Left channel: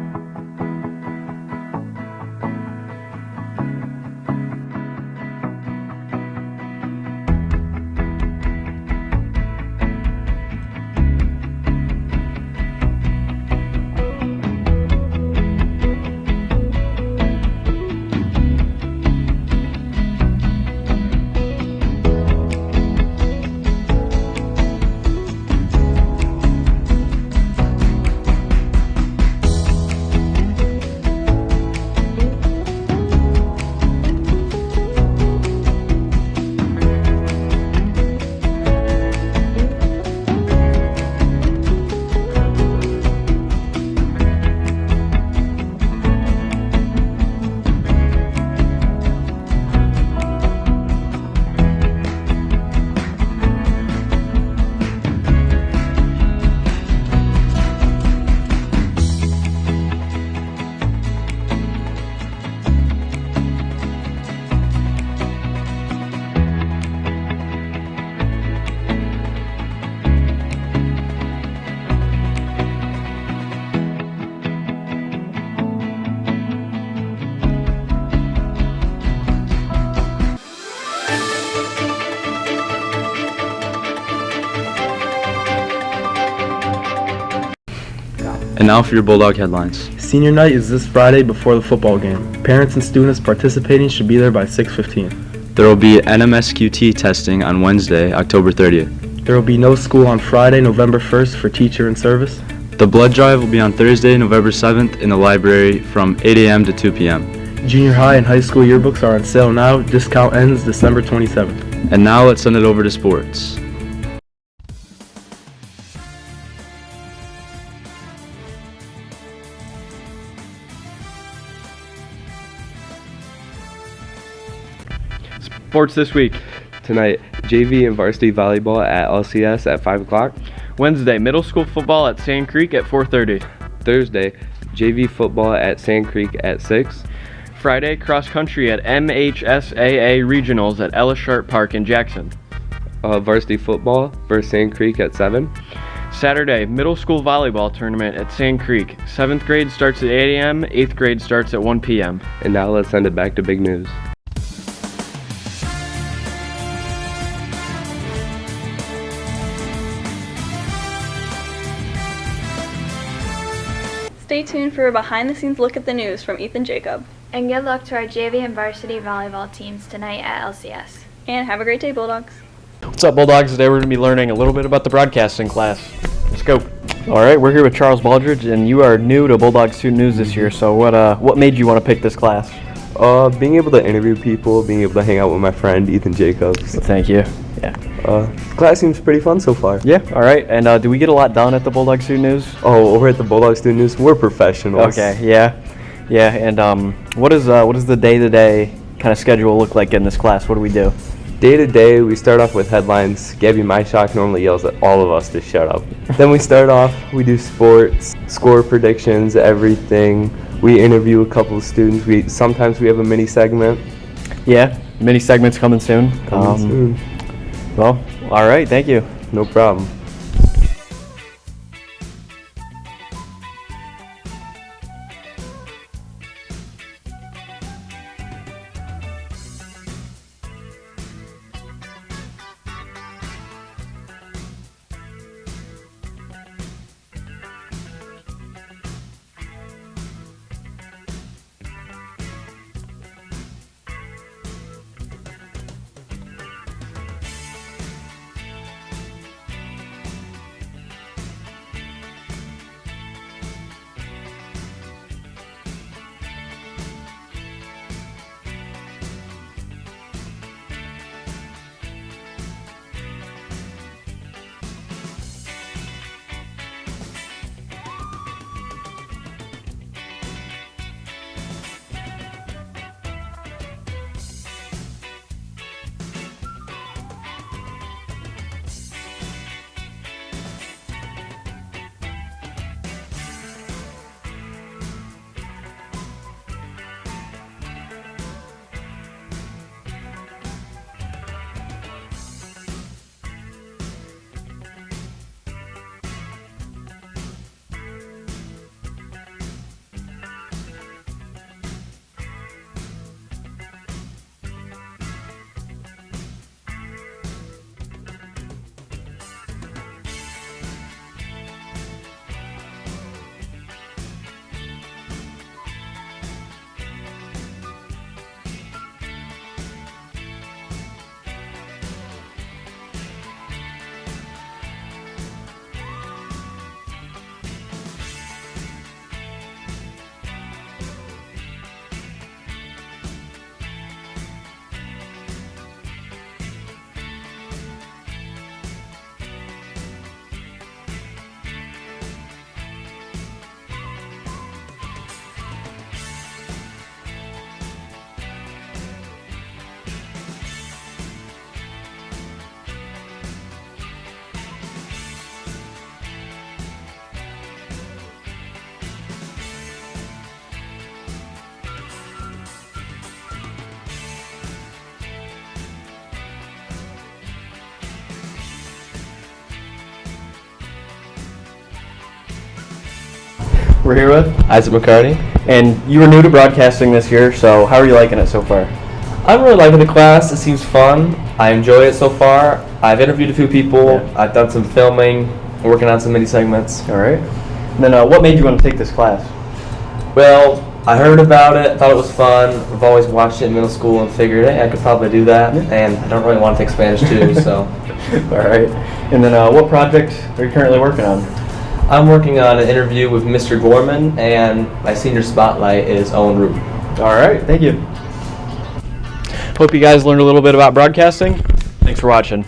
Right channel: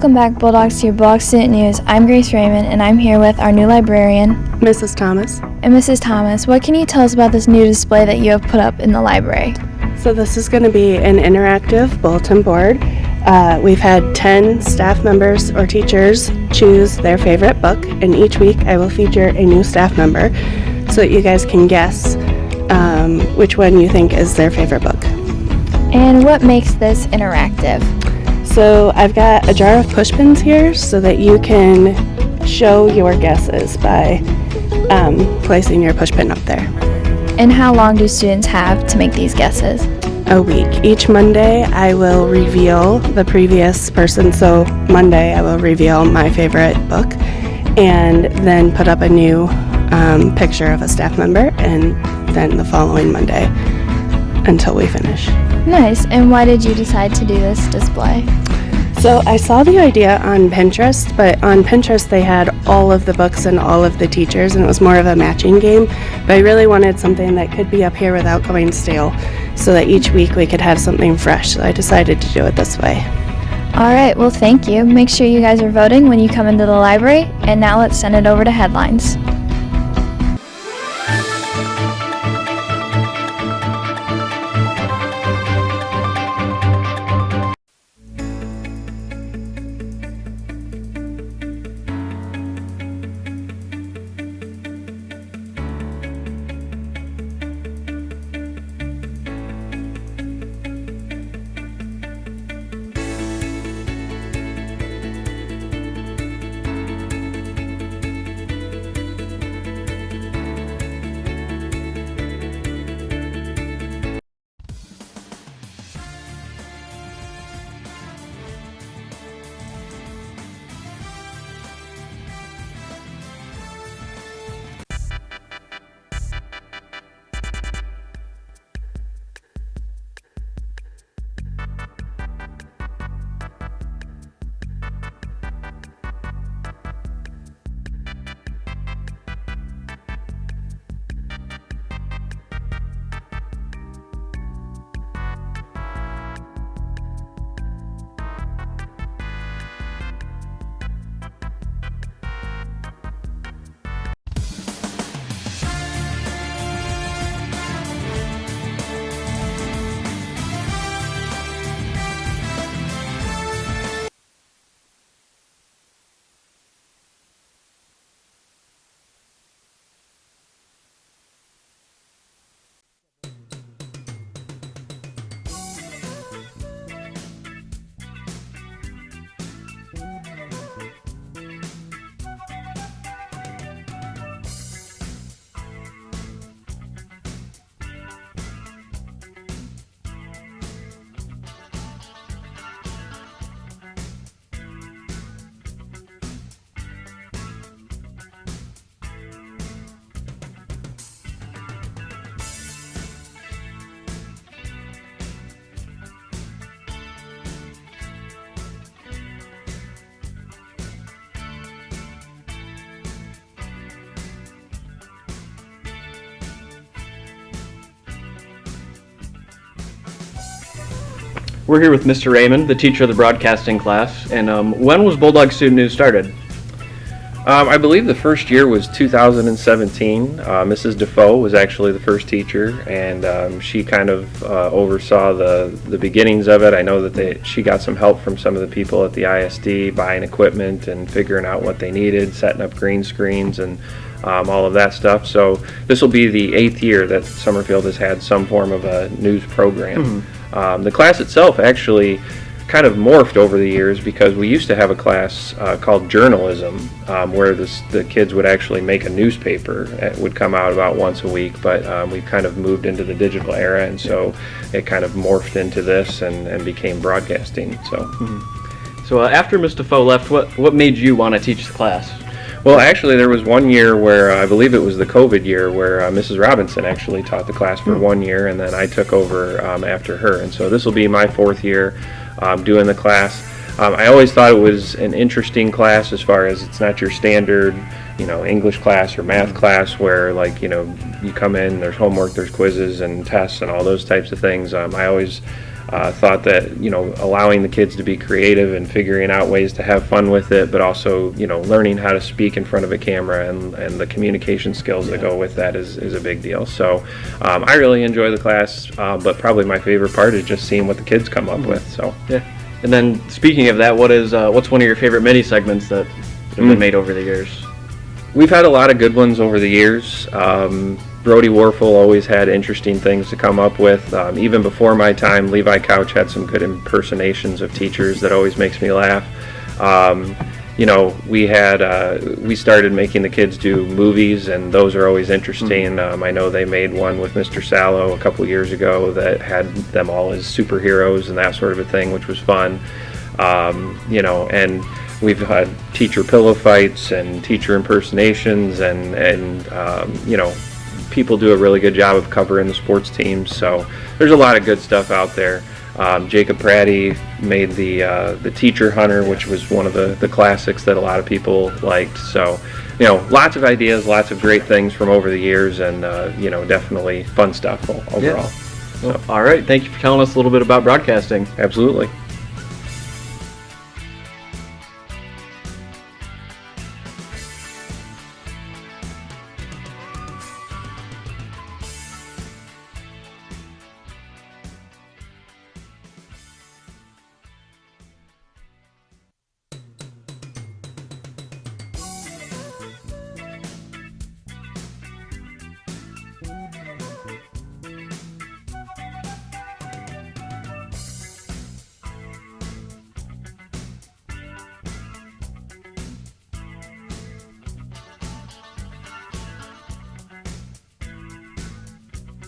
Welcome back, Bulldogs, to your Bulldog Student News. I'm Grace Raymond, and I'm here with our new librarian, Mrs. Thomas. And Mrs. Thomas, what can you tell us about this new display that you have put up in the library? So this is going to be an interactive bulletin board. We've had 10 staff members or teachers choose their favorite book, and each week I will feature a new staff member so that you guys can guess which one you think is their favorite book. And what makes this interactive? So I've got a jar of push pins here so that you can show your guesses by placing your push pin up there. And how long do students have to make these guesses? A week. Each Monday I will reveal the previous person. So Monday I will reveal my favorite book and then put up a new picture of a staff member, and then the following Monday until we finish. Nice. And why did you decide to do this display? So I saw the idea on Pinterest, but on Pinterest they had all of the books and all of the teachers, and it was more of a matching game. But I really wanted something that could be up here without going stale, so that each week we could have something fresh. So I decided to do it this way. All right, well, thank you. Make sure you guys are voting when you come into the library. And now let's send it over to headlines. And now for your Bulldog headlines. Senior night is this Friday before the football game. Parents and students participating should be there by 6:15. There will be NMSQT testing on Wednesday, October 30th. There will be no school on Friday, November 1st for teacher and service. The blood drive will be on Thursday, November 7th in the library from 8 a.m. to 2 p.m. Junior high and high school yearbooks are on sale now. Discount ends December 27th. And now let's send it over to sports. Sports this week. Tonight, JV and varsity volleyball at LCS at 5 o'clock. Wednesday, middle school football at Sand Creek at 4:30. Thursday, JV football at Sand Creek at 6. Friday, cross country at MHSAA Regionals at Ellis Sharp Park in Jackson. Varsity football versus Sand Creek at 7. Saturday, middle school volleyball tournament at Sand Creek. 7th grade starts at 8 a.m., 8th grade starts at 1 p.m. And now let's send it back to Big News. Stay tuned for a behind-the-scenes look at the news from Ethan Jacob. And good luck to our JV and varsity volleyball teams tonight at LCS. And have a great day, Bulldogs. What's up, Bulldogs? Today we're going to be learning a little bit about the broadcasting class. Let's go. All right, we're here with Charles Baldridge, and you are new to Bulldog Student News this year, so what made you want to pick this class? Being able to interview people, being able to hang out with my friend Ethan Jacobs. Thank you. Yeah. Class seems pretty fun so far. Yeah, all right. And do we get a lot done at the Bulldog Student News? Oh, over at the Bulldog Student News, we're professionals. Okay, yeah. Yeah, and what does the day-to-day kind of schedule look like in this class? What do we do? Day to day, we start off with headlines. Gabby Myshock normally yells at all of us to shut up. Then we start off, we do sports, score predictions, everything. We interview a couple of students. Sometimes we have a mini segment. Yeah, mini segments coming soon. Well, all right, thank you. No problem. We're here with Mr. Raymond, the teacher of the broadcasting class. And when was Bulldog Student News started? I believe the first year was 2017. Mrs. Defoe was actually the first teacher, and she kind of oversaw the beginnings of it. I know that she got some help from some of the people at the ISD, buying equipment and figuring out what they needed, setting up green screens and all of that stuff. So this will be the 8th year that Summerfield has had some form of a news program. The class itself actually kind of morphed over the years, because we used to have a class called journalism, where the kids would actually make a newspaper. It would come out about once a week, but we kind of moved into the digital era, and so it kind of morphed into this and became broadcasting. So after Ms. Defoe left, what made you want to teach the class? Well, actually, there was one year where I believe it was the COVID year where Mrs. Robinson actually taught the class for 1 year, and then I took over after her. And so this will be my 4th year doing the class. I always thought it was an interesting class, as far as it's not your standard, English class or math class where, you come in, there's homework, there's quizzes and tests and all those types of things. I always thought that, allowing the kids to be creative and figuring out ways to have fun with it, but also, learning how to speak in front of a camera and the communication skills that go with that is a big deal. So I really enjoy the class, but probably my favorite part is just seeing what the kids come up with. So yeah. And then speaking of that, what's one of your favorite mini segments that have been made over the years? We've had a lot of good ones over the years. Brody Warfel always had interesting things to come up with. Even before my time, Levi Couch had some good impersonations of teachers that always makes me laugh. We started making the kids do movies, and those are always interesting. I know they made one with Mr. Sallow a couple years ago that had them all as superheroes and that sort of a thing, which was fun. And we've had teacher pillow fights and teacher impersonations, and people do a really good job of covering the sports teams. So there's a lot of good stuff out there. Jacob Pratty made the Teacher Hunter, which was one of the classics that a lot of people liked. So, lots of ideas, lots of great things from over the years, and definitely fun stuff overall. Yeah. Well, all right, thank you for telling us a little bit about broadcasting. Absolutely. We're here with Isaac McCarty. And you were new to broadcasting this year, so how are you liking it so far? I'm really liking the class. It seems fun. I enjoy it so far. I've interviewed a few people. Yeah. I've done some filming, working on some mini segments. All right. And then what made you want to take this class? Well, I heard about it, thought it was fun. I've always watched it in middle school and figured, hey, I could probably do that. Yeah. And I don't really want to take Spanish too, so. All right. And then what project are you currently working on? I'm working on an interview with Mr. Gorman, and my senior spotlight is Owen Root. All right, thank you. Hope you guys learned a little bit about broadcasting. Thanks for watching.